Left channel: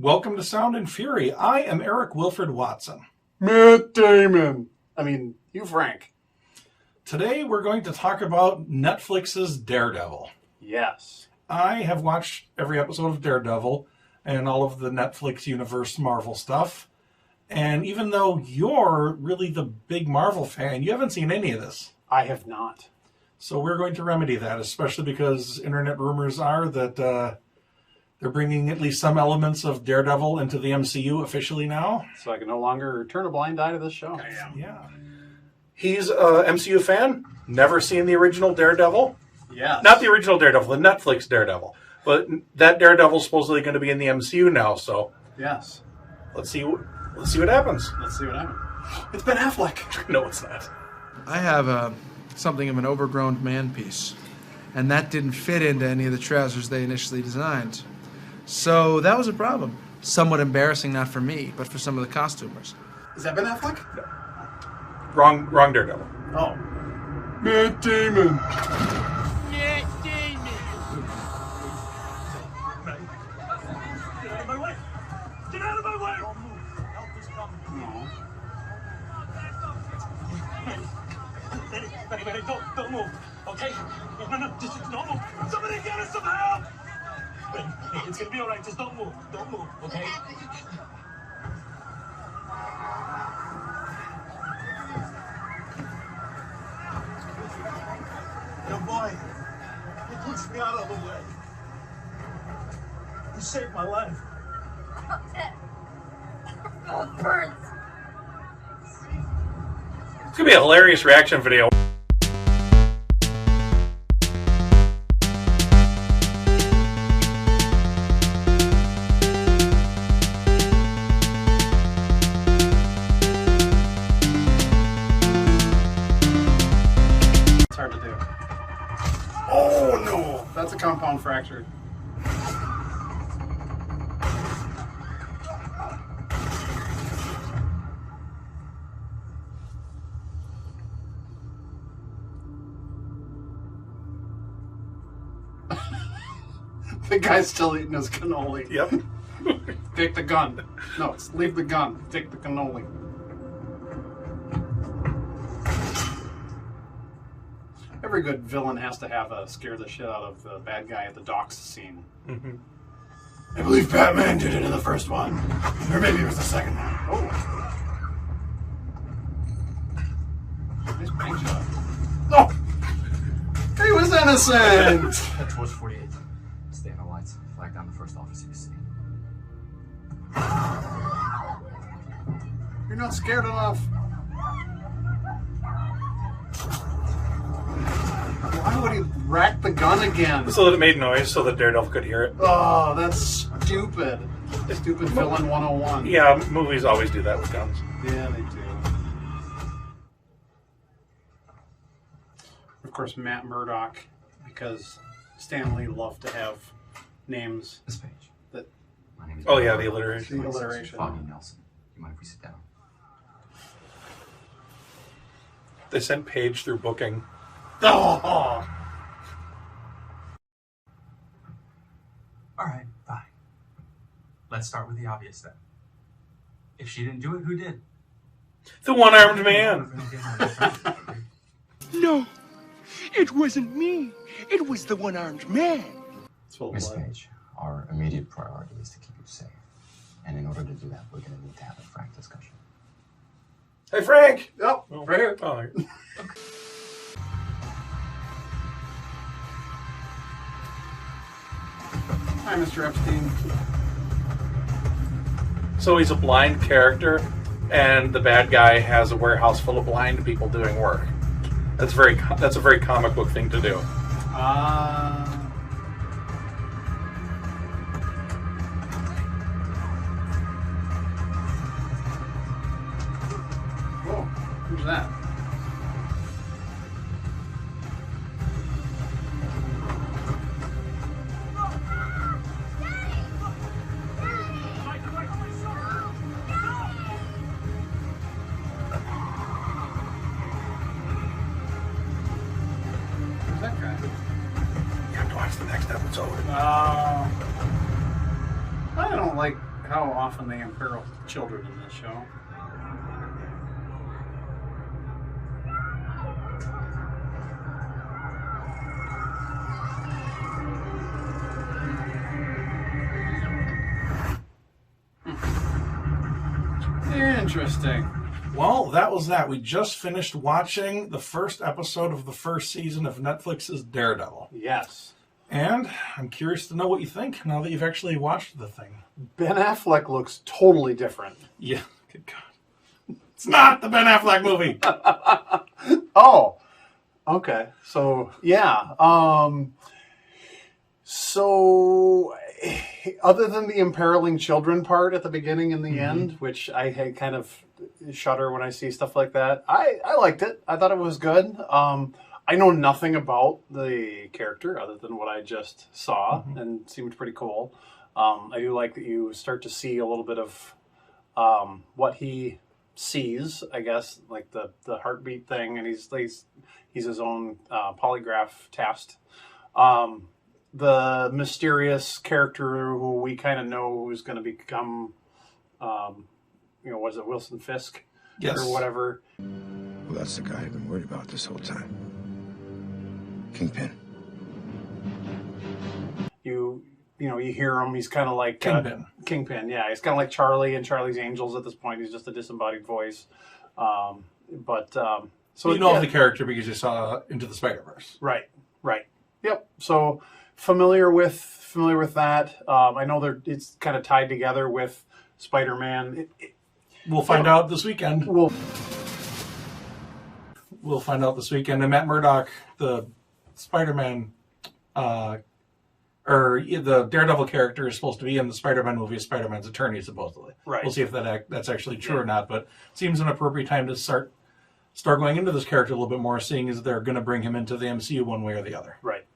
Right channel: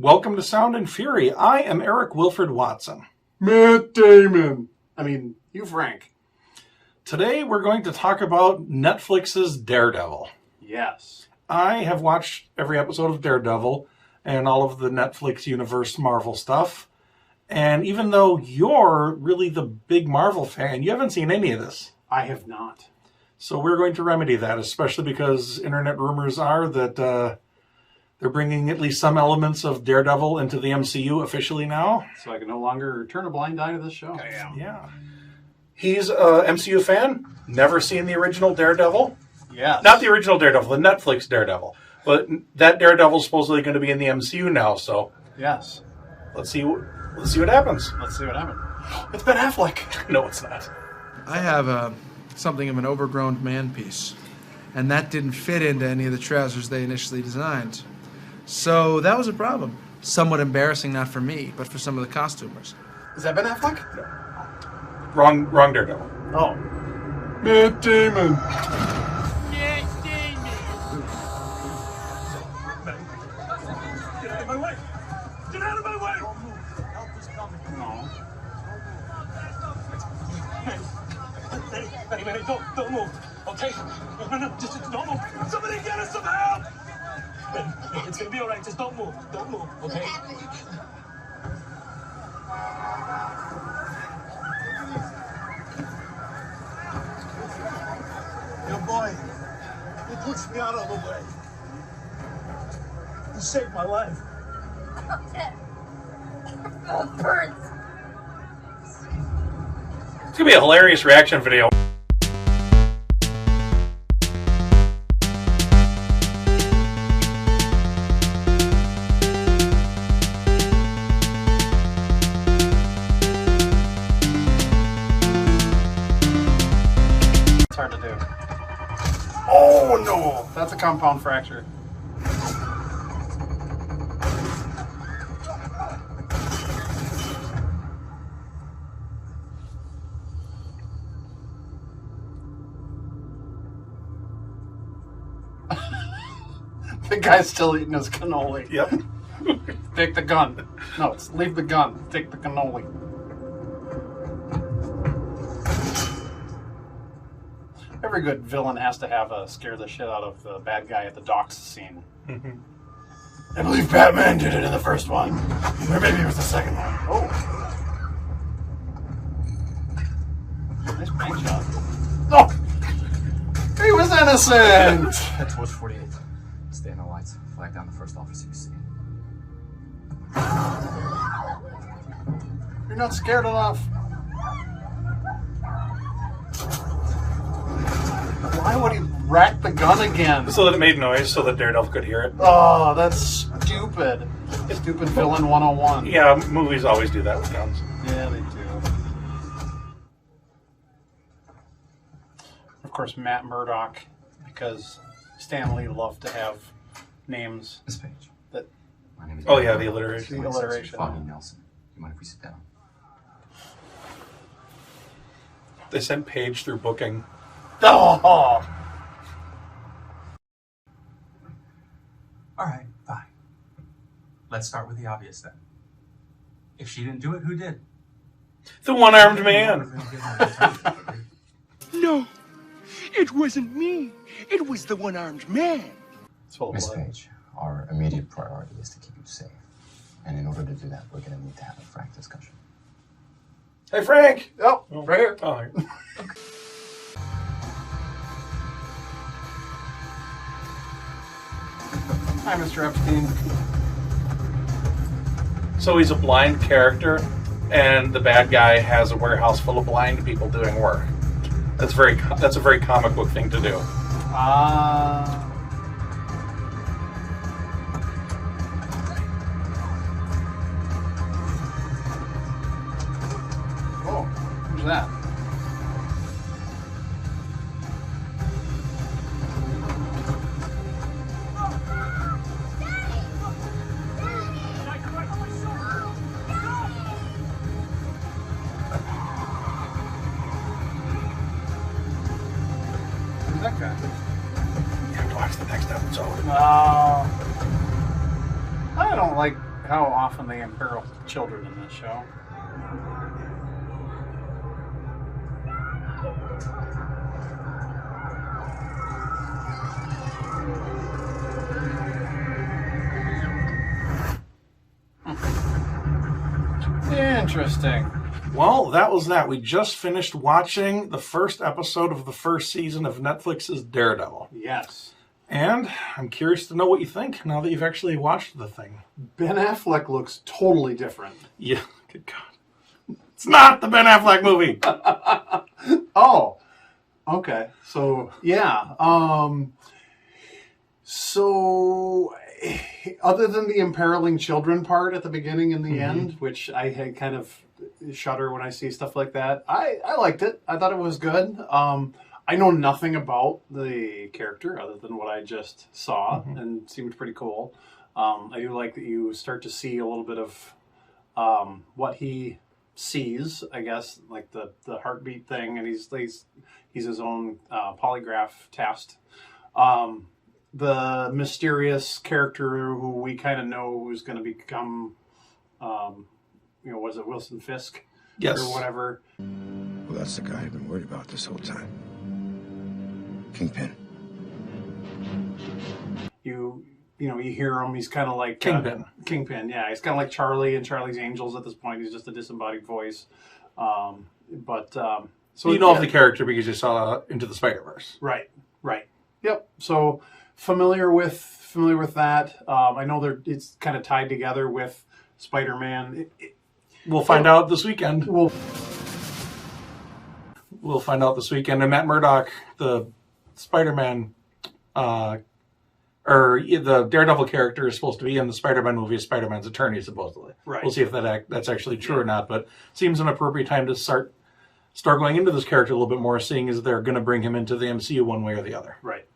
Welcome to Sound and Fury. I am Eric Wilfred Watson. Matt Damon. You Frank. Today we're going to talk about Netflix's Daredevil. Yes. I have watched every episode of Daredevil and all of the Netflix universe Marvel stuff. And even though you're really the big Marvel fan, you haven't seen any of this. I have not. So we're going to remedy that, especially because internet rumors are that they're bringing at least some elements of Daredevil into the MCU officially now. So I can no longer turn a blind eye to this show. I am. Yeah. He's a MCU fan. Never seen the original Daredevil. Yes. Not the original Daredevil, the Netflix Daredevil. But that Daredevil's supposedly going to be in the MCU now, so Yes. let's see what happens. Let's see what happens. It's Ben Affleck. No, it's not. I have something of an overgrown man piece, and that didn't fit into any of the trousers they initially designed. So that was a problem. Somewhat embarrassing, not for me, but for some of the costumers. Is that Ben Affleck? Wrong Daredevil. Oh. Matt Damon. Matt Damon. Get out of my way! Get out of my way! No. Hey, don't move, okay? No, just don't move. Somebody get us some help! It's gonna be all right, just don't move, okay? Your boy, he pushed me out of the way. He saved my life. Birds. It's going to be a hilarious reaction video. It's hard to do. Oh, no. That's a compound fracture. The guy's still eating his cannoli. Yep. Take the gun. No, it's leave the gun. Take the cannoli. Every good villain has to have a scare the shit out of the bad guy at the docks scene. Mm-hmm. I believe Batman did it in the first one. Or maybe it was the second one. Oh. Nice bank shot. Oh! He was innocent! Head towards 48. Stay in the lights. Flag down the first officer you see. You're not scared enough. Why would he rack the gun again? So that it made noise so that Daredevil could hear it. Oh, that's stupid. Stupid villain 101. Yeah, movies always do that with guns. Yeah, they do. Of course, Matt Murdock, because Stan Lee loved to have names Miss Page. that. My name is Oh, yeah, the alliteration. The alliteration. Foggy Nelson. You mind if we sit down? They sent Paige through booking. Oh! All right, fine. Let's start with the obvious then. If she didn't do it, who did? The one-armed man. No, it wasn't me. It was the one-armed man. It's full of Miss blood. Page, our immediate priority is to keep you safe. And in order to do that, we're going to need to have a frank discussion. Hey, Frank! Oh, right here. Oh, here. Hi, Mr. Epstein. So he's a blind character, and the bad guy has a warehouse full of blind people doing work. That's a very comic book thing to do. Cool. Who's that? Who's that guy? You have to watch the next episode. I don't like how often they imperil children in this show. Interesting. Well, that was that. We just finished watching the first episode of the first season of Netflix's Daredevil. Yes. And I'm curious to know what you think now that you've actually watched the thing. Ben Affleck looks totally different. Yeah, good God. It's not the Ben Affleck movie. Oh, okay. So, yeah. So, other than the imperiling children part at the beginning and the end, which I had kind of shudder when I see stuff like that, I liked it. I thought it was good. I know nothing about the character other than what I just saw, and it seemed pretty cool. I do like that you start to see a little bit of what he sees, I guess, like the heartbeat thing, and he's his own polygraph test. The mysterious character who we kind of know who's going to become, was it Wilson Fisk? Yes. Or whatever. Well, that's the guy I've been worried about this whole time. Kingpin. You hear him. He's kind of like Kingpin. Kingpin, yeah. He's kind of like Charlie and Charlie's Angels at this point. He's just a disembodied voice. So you know of the character because you saw Into the Spider-Verse. Right. Yep. So familiar with that. I know it's kind of tied together with Spider-Man. We'll find out this weekend. We'll find out this weekend. And Matt Murdock, the Spider-Man, or the Daredevil character, is supposed to be in the Spider-Man movie as Spider-Man's attorney, supposedly. Right. We'll see if that's actually true or not. But seems an appropriate time to start going into this character a little bit more, seeing as they're going to bring him into the MCU one way or the other. Right.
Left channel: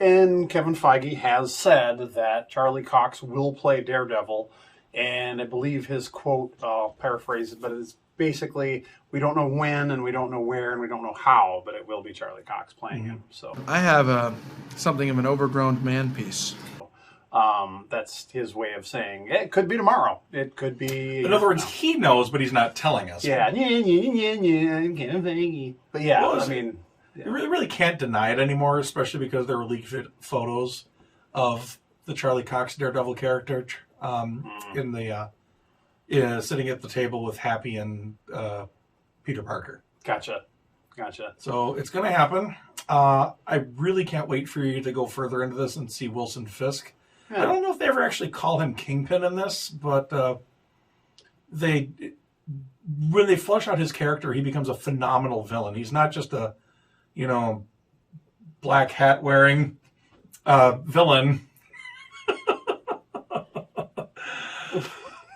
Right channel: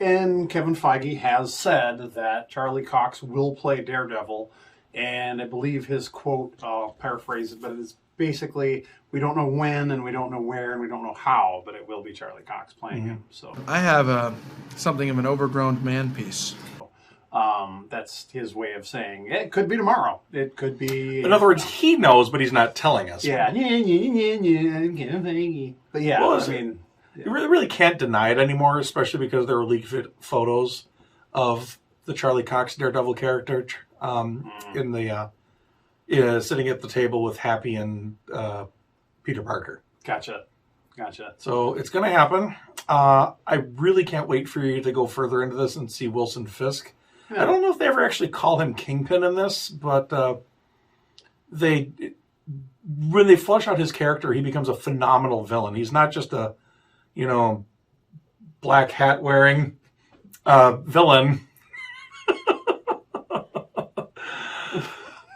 And Kevin Feige has said that Charlie Cox will play Daredevil, and I believe his quote, I'll paraphrase it, but it's basically, we don't know when, and we don't know where, and we don't know how, but it will be Charlie Cox playing him. So I have something of an overgrown man piece. that's his way of saying it could be tomorrow. It could be. In other words, he knows, but he's not telling us. Yeah. Kevin Feige. But yeah, Well, I mean, you really can't deny it anymore, especially because there were leaked photos of the Charlie Cox Daredevil character in the sitting at the table with Happy and Peter Parker. Gotcha. So it's going to happen. I really can't wait for you to go further into this and see Wilson Fisk. Yeah. I don't know if they ever actually call him Kingpin in this, but when they flesh out his character, he becomes a phenomenal villain. He's not just a black hat wearing villain.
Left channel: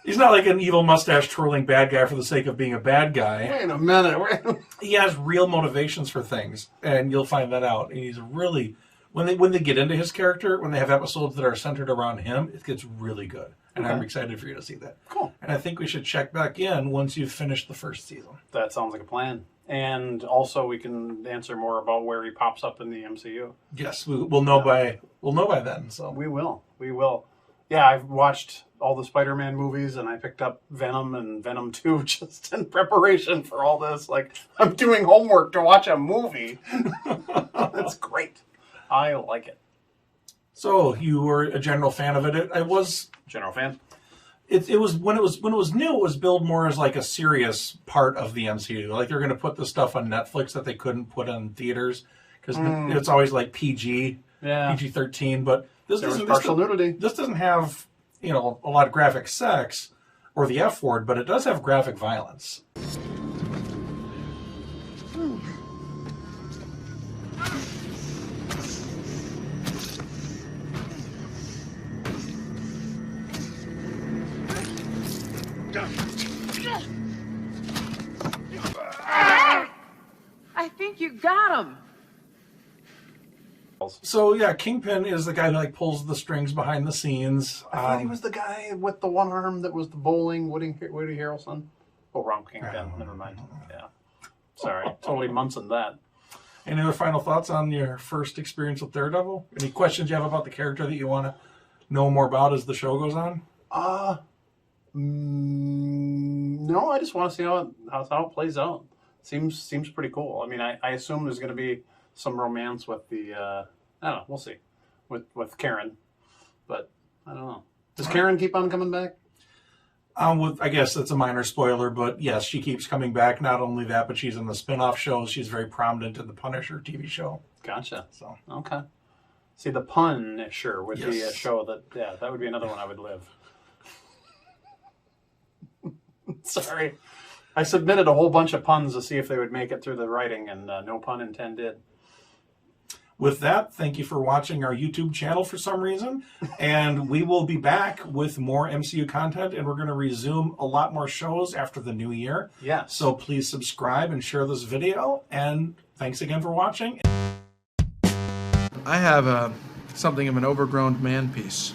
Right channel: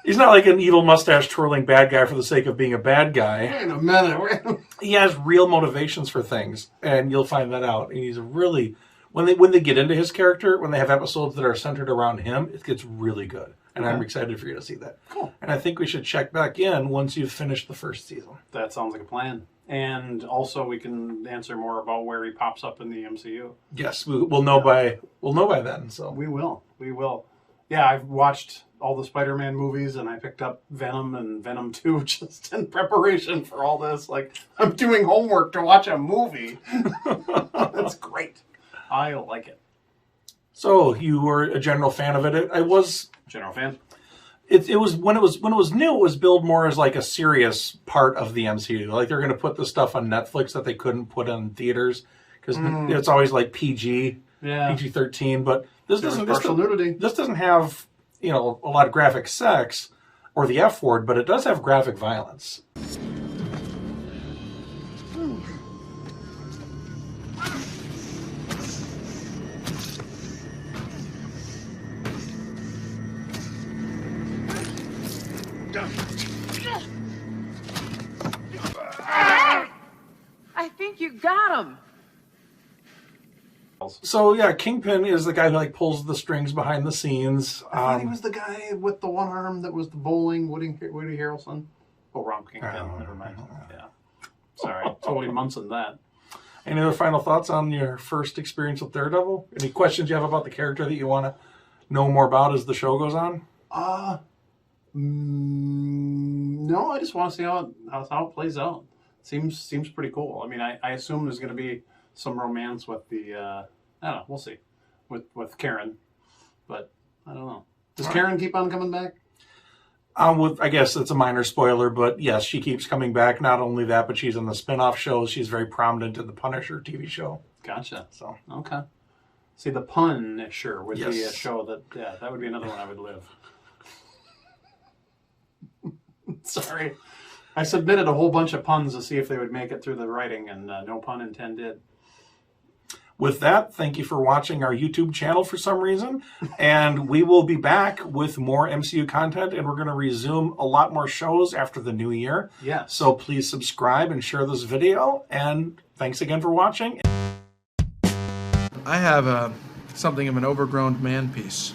He's not like an evil mustache twirling bad guy for the sake of being a bad guy. Wait a minute. He has real motivations for things, and you'll find that out. And he's really, when they get into his character, when they have episodes that are centered around him, it gets really good. And I'm excited for you to see that. Cool. And I think we should check back in once you've finished the first season. That sounds like a plan. And also, we can answer more about where he pops up in the MCU. Yes, we'll know by then. So We will. Yeah, I've watched all the Spider-Man movies, and I picked up Venom and Venom 2 just in preparation for all this. Like, I'm doing homework to watch a movie. That's great. I like it. So you were a general fan of it. I was General fan. It was when it was new. It was billed more as like a serious part of the MCU. Like they're going to put the stuff on Netflix that they couldn't put in theaters because it's always like PG, PG-13. But this doesn't. This doesn't have a lot of graphic sex or the F word, but it does have graphic violence. I think you got him. So yeah, Kingpin is the guy who like pulls the strings behind the scenes. I thought he was the guy with the one arm that was the bowling Woody Harrelson. Oh, wrong Kingpin. Never mind. Yeah. Sorry, totally Munson that. Any other final thoughts on your first experience with Daredevil? Any questions you have about the character that you want to know more about as the show goes on? No, I just want to see how it plays out. Seems pretty cool. I mean, I assume there's going to be some romance with the I don't know. We'll see with Karen, but I don't know. Does Karen keep on coming back? I guess it's a minor spoiler, but yes, she keeps coming back. Not only that, but she's in the spin-off shows. She's very prominent in the Punisher TV show. Gotcha. So okay. See, the Punisher would be a Yes. show that would be another one I would live. Sorry. I submitted a whole bunch of puns to see if they would make it through the writing, and no pun intended. with that, thank you for watching our YouTube channel for some reason. And we will be back with more MCU content, and we're going to resume a lot more shows after the new year. Yeah. So please subscribe and share this video. And thanks again for watching. I have something of an overgrown man piece.